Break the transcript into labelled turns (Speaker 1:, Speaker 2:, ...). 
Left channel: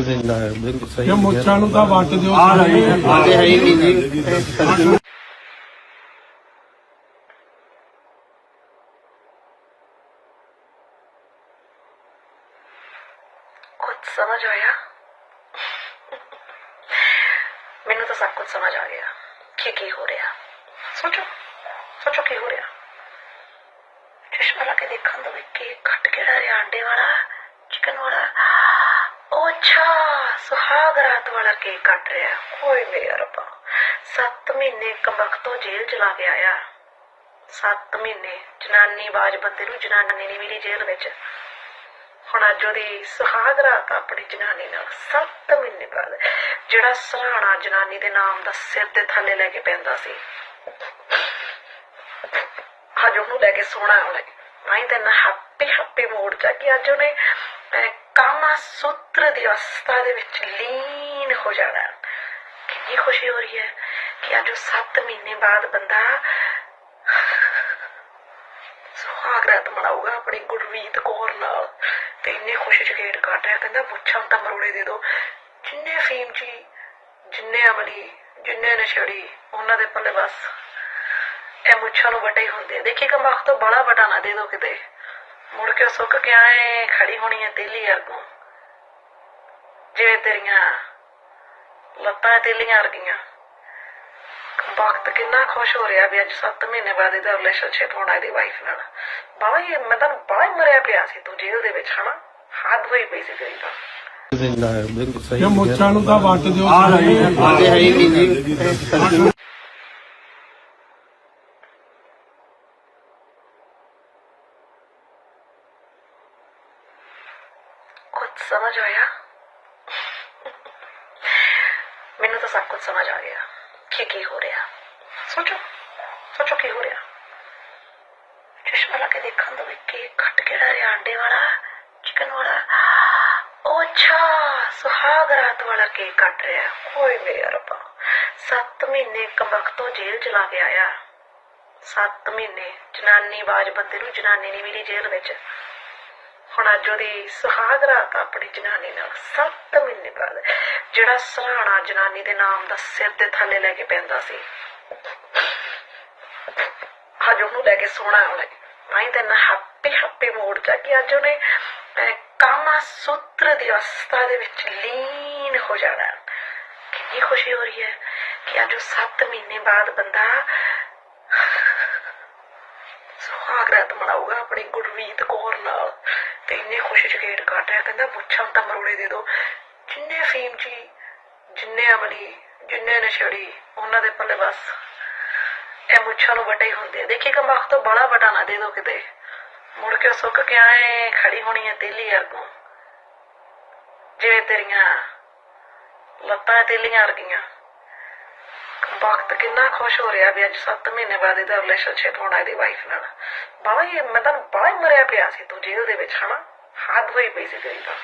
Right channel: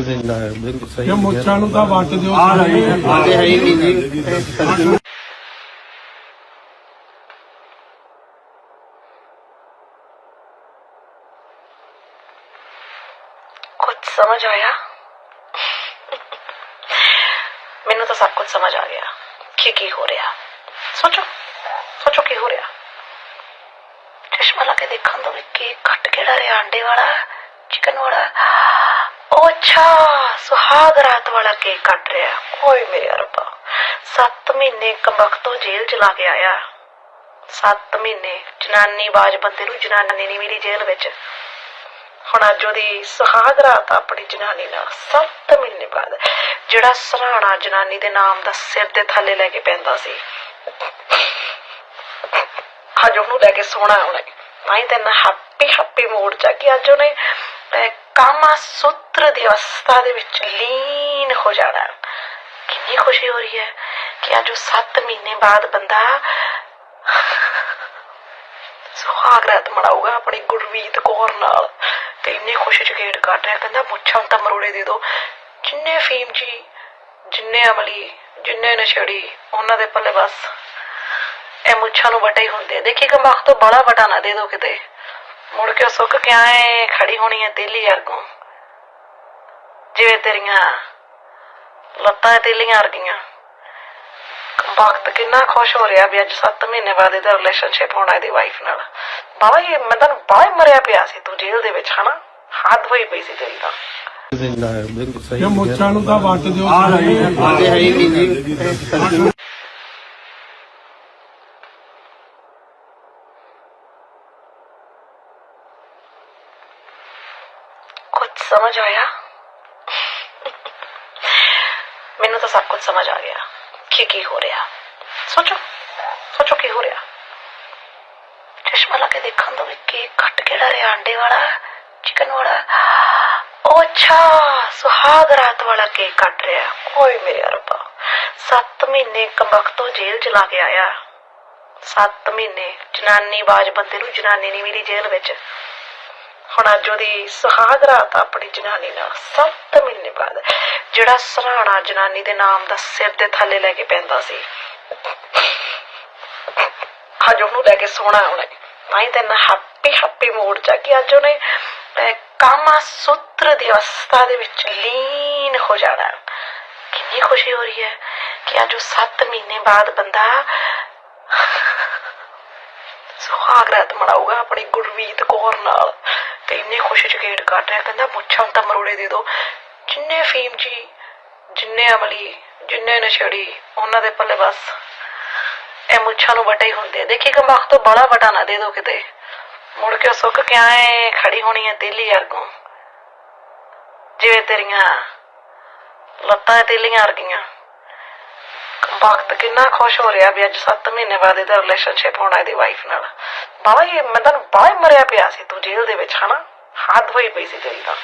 Speaker 1: ਇਹ ਮੁੱਛਾਂ ਨੂੰ ਤਾਂ ਵੱਟ ਦਿਓ।
Speaker 2: ਆ ਰਹੀ ਹੈ। ਆ
Speaker 3: ਆਦੇ ਹੈ। ਹੀ ਨਹੀਂ ਜੀ।
Speaker 4: ਕੁਝ ਸਮਝ ਆਇਆ? ਮੈਨੂੰ ਤਾਂ ਸਭ ਕੁਝ ਸਮਝ ਆ ਗਿਆ ਕਿ ਕੀ ਹੋ ਰਿਹਾ। ਸੋਚੋ। ਸੋਚੋ ਕੀ ਹੋ ਰਿਹਾ। ਚਸ਼ਮਾ ਲਾ ਕੇ ਦੇਖਣ ਤੋਂ ਵੀ ਕੇਕ ਕੱਟ ਕਿਹੜਾ ਰਿਹਾ। ਅੰਡੇ ਵਾਲਾ ਚਿਕਨ ਵਾਲਾ। ਉਹ ਅੱਛਾ, ਸੁਹਾਗ ਰਾਤ ਵਾਲਾ ਕੇਕ ਕੱਟ ਰਿਹਾ। ਓਏ ਮੇਰੇ ਰੱਬਾ 7 ਮਹੀਨੇ ਕੰਬਕ ਜੇਲ੍ਹ ਚ ਕੇ ਆਇਆ। 7 ਮਹੀਨੇ, ਜਨਾਨੀ ਬਾਜ ਬੰਦੇ ਨੂੰ ਜਨਾਨੀ ਨਹੀਂ ਮਿਲੀ ਜੇਲ੍ਹ ਵਿੱਚ। ਹੁਣ ਅੱਜ ਉਹਦੀ ਸੁਹਾਗ ਰਾਤ ਆਪਣੀ ਜਨਾਨੀ ਨਾਲ 7 ਮਹੀਨੇ ਬਾਅਦ, ਜਿਹੜਾ ਸਰਾਣਾ ਜਨਾਨੀ ਦੇ ਨਾਮ ਦਾ ਸਿਰ ਦੇ ਥੱਲੇ ਲੈ ਕੇ ਪੈਂਦਾ ਸੀ। ਅੱਜ ਉਹਨੂੰ ਲੈ ਕੇ ਸੋਣਾ ਉਹਨੇ। ਤਾਂ ਹੀ ਤੇ ਨਾ ਹੈਪੀ ਹੈਪੀ ਮੂਡ ਚ ਆ ਕਿ ਅੱਜ ਉਹਨੇ ਕਾਮਾ ਸੂਤਰ ਦੀ ਅਵਸਥਾ ਦੇ ਵਿੱਚ ਲੀਨ ਹੋ ਜਾਣਾ। ਕਿੰਨੀ ਖੁਸ਼ੀ ਹੋ ਰਹੀ ਹੈ ਕਿ ਅੱਜ 7 ਮਹੀਨੇ ਬਾਅਦ ਬੰਦਾ ਸੁਹਾਗ ਮਨਾਊਗਾ ਆਪਣੀ ਗੁਰਵੀਤ ਕੌਰ ਨਾਲ ਤੇ ਇੰਨੇ ਖੁਸ਼ੀ ਚ ਗੇਟ ਕੱਢ ਰਿਹਾ। ਕਹਿੰਦਾ ਮੁੱਛਾਂ ਤਾਂ ਮਰੋੜੇ ਦੇ ਦੋ। ਜਿੰਨੇ ਫੀਮ ਜੀ, ਜਿੰਨੇ ਅਮਲੀ, ਜਿੰਨੇ ਨਸ਼ੜੀ, ਉਹਨਾਂ ਦੇ ਪੱਲੇ ਬਸ ਇਹ ਮੁੱਛਾਂ ਨੂੰ ਵਟੇ ਹੁੰਦੇ ਦੇਖੀ ਕਮਖ ਤੋਂ ਬੜਾ ਵਟਾ ਨਾ ਦੇ ਦੋ ਕਿਤੇ। ਮੁੜ ਕੇ ਸੁੱਕ ਕੇ ਆਏ ਖੜੀ ਹੋਣੀ ਹੈ ਤੇਲੀ ਵਰਗੋਂ ਜਿਵੇਂ ਤੇਰੀਆਂ ਲੱਤਾਂ ਤੇਲੀਆਂ ਵਰਗੀਆਂ ਵਕਤ ਕਿੰਨਾ ਖੁਸ਼ ਹੋ ਰਿਹਾ ਵੀ ਅੱਜ 7 ਮਹੀਨੇ ਬਾਅਦ ਇਹਦਾ ਰਿਲੇਸ਼ਨਸ਼ਿਪ ਹੋਣਾ ਇਹਦੀ ਵਾਈਫ ਨਾਲ ਬਾਬਾ ਇਹ ਮੈਂ ਬੜਾ ਹੀ ਮਰਿਆ ਪਿਆ ਸੀ ਤੂੰ ਜੇਲ੍ਹ ਦੇ ਵਿੱਚ ਹਨਾ ਹੱਦ ਹੋਈ ਪਈ ਸੀ ਤੇਰੀ ਤਾਂ
Speaker 3: ਦਿੰਦਾ ਹੈ ਬਿਲਕੁਲ ਸਹੀ
Speaker 1: ਇਹ ਮੁੱਛਾਂ ਨੂੰ ਤਾਂ ਵੱਟ ਦਿਓ
Speaker 2: ਆ ਰਹੀ ਹੈ
Speaker 3: ਆਦੇ ਹੈ ਹੀ ਨਹੀਂ ਜੀ
Speaker 4: ਕੁਝ ਸਮਝ ਆਇਆ ਮੈਨੂੰ ਤਾਂ ਸਭ ਕੁਝ ਸਮਝ ਆ ਗਿਆ ਕਿ ਕੀ ਹੋ ਰਿਹਾ ਸੋਚੋ ਸੋਚੋ ਕੀ ਹੋ ਰਿਹਾ ਚਸ਼ਮਾ ਲਾ ਕੇ ਦੇਖਣ ਤੋਂ ਵੀ ਕੇਕ ਕੱਟ ਕਿਹੜਾ ਰਿਹਾ ਅੰਡੇ ਵਾਲਾ ਚਿਕਨ ਵਾਲਾ ਉਹ ਅੱਛਾ ਸੁਹਾਗ ਰਾਤ ਵਾਲਾ ਕੇਕ ਕੱਟ ਰਿਹਾ ਕੋਈ ਮੇਰੇ ਰੱਬਾ 7 ਮਹੀਨੇ ਕੰਬਕ ਤੋਂ ਜੇਲ੍ਹ ਚ ਲਾ ਕੇ ਆਇਆ 7 ਮਹੀਨੇ ਜਨਾਨੀ ਬਾਜ ਬੰਦੇ ਨੂੰ ਜਨਾਨੀ ਨਹੀਂ ਮਿਲੀ ਜੇਲ੍ਹ ਵਿੱਚ ਹੁਣ ਅੱਜ ਉਹਦੀ ਸੁਹਾਗ ਰਾਤ ਆਪਣੀ ਜਨਾਨੀ ਨਾਲ 7 ਮਹੀਨੇ ਬਾਅਦ, ਜਿਹੜਾ ਸਰਾਣਾ ਜਨਾਨੀ ਦੇ ਨਾਮ ਦਾ ਸਿਰ ਦੇ ਥੱਲੇ ਲੈ ਕੇ ਪੈਂਦਾ ਸੀ। ਅੱਜ ਉਹਨੂੰ ਲੈ ਕੇ ਸੋਣਾ ਉਹਨੇ ਤਾਂ ਹੀ ਤੇ ਹੈਪੀ ਹੈਪੀ ਮੂਡ ਚ ਕਿ ਅੱਜ ਉਹਨੇ ਕਾਮਾ ਸੂਤਰ ਦੀ ਅਵਸਥਾ ਦੇ ਵਿੱਚ ਲੀਨ ਹੋ ਜਾਣਾ। ਕਿੰਨੀ ਖੁਸ਼ੀ ਹੋ ਰਹੀ ਹੈ ਕਿ ਅੱਜ ਉਹ 7 ਮਹੀਨੇ ਬਾਅਦ ਬੰਦਾ ਸੁਹਾਗ ਰਾਤ ਮਨਾਊਗਾ ਆਪਣੀ ਗੁਰਵੀਤ ਕੌਰ ਨਾਲ। ਇੰਨੇ ਖੁਸ਼ੀ ਚ ਗੇਟ ਕੱਢ ਰਿਹਾ, ਕਹਿੰਦਾ ਮੁੱਛਾਂ ਤਾਂ ਮਰੋੜੇ ਦੇ ਦੋ। ਜਿੰਨੇ ਫੀਮ ਜੀ, ਜਿੰਨੇ ਅਮਲੀ, ਜਿੰਨੇ ਨਸ਼ੜੀ, ਉਹਨਾਂ ਦੇ ਪੱਲੇ ਬਸ। ਇਹ ਮੁੱਛਾਂ ਨੂੰ ਵਟੇ ਹੀ ਹੁੰਦੇ ਆ। ਦੇਖੀ ਕਮਖ ਤੋਂ ਬੜਾ ਵਟਾ ਨਾ ਦੇ ਦੋ ਕਿਤੇ। ਮੁੜ ਕੇ ਸੁੱਕ ਕੇ ਆਏ ਖੜੀ ਹੋਣੀ ਹੈ ਤੇਲੀ ਵਰਗੋਂ। ਜਿਵੇਂ ਤੇਰੀਆਂ ਲੱਤਾਂ ਤੇਲੀਆਂ ਵਰਗੀਆਂ। ਵਕਤ ਕਿੰਨਾ ਖੁਸ਼ ਹੋ ਰਿਹਾ ਵੀ ਅੱਜ 7 ਮਹੀਨੇ ਬਾਅਦ ਇਹਦਾ ਰਿਲੇਸ਼ਨਸ਼ਿਪ ਹੋਣਾ ਇਹਦੀ ਵਾਈਫ ਨਾਲ। ਬਾਬਾ ਇਹ ਮੈਂ ਤੁਹਾਨੂੰ ਬੜਾ ਮਰਿਆ ਪਿਆ ਸੀ ਤੂੰ ਜੇਲ੍ਹ ਦੇ ਵਿੱਚ, ਹਨਾ? ਹੱਦ ਹੋਈ ਪਈ ਸੀ ਤੇਰੀ ਤਾਂ।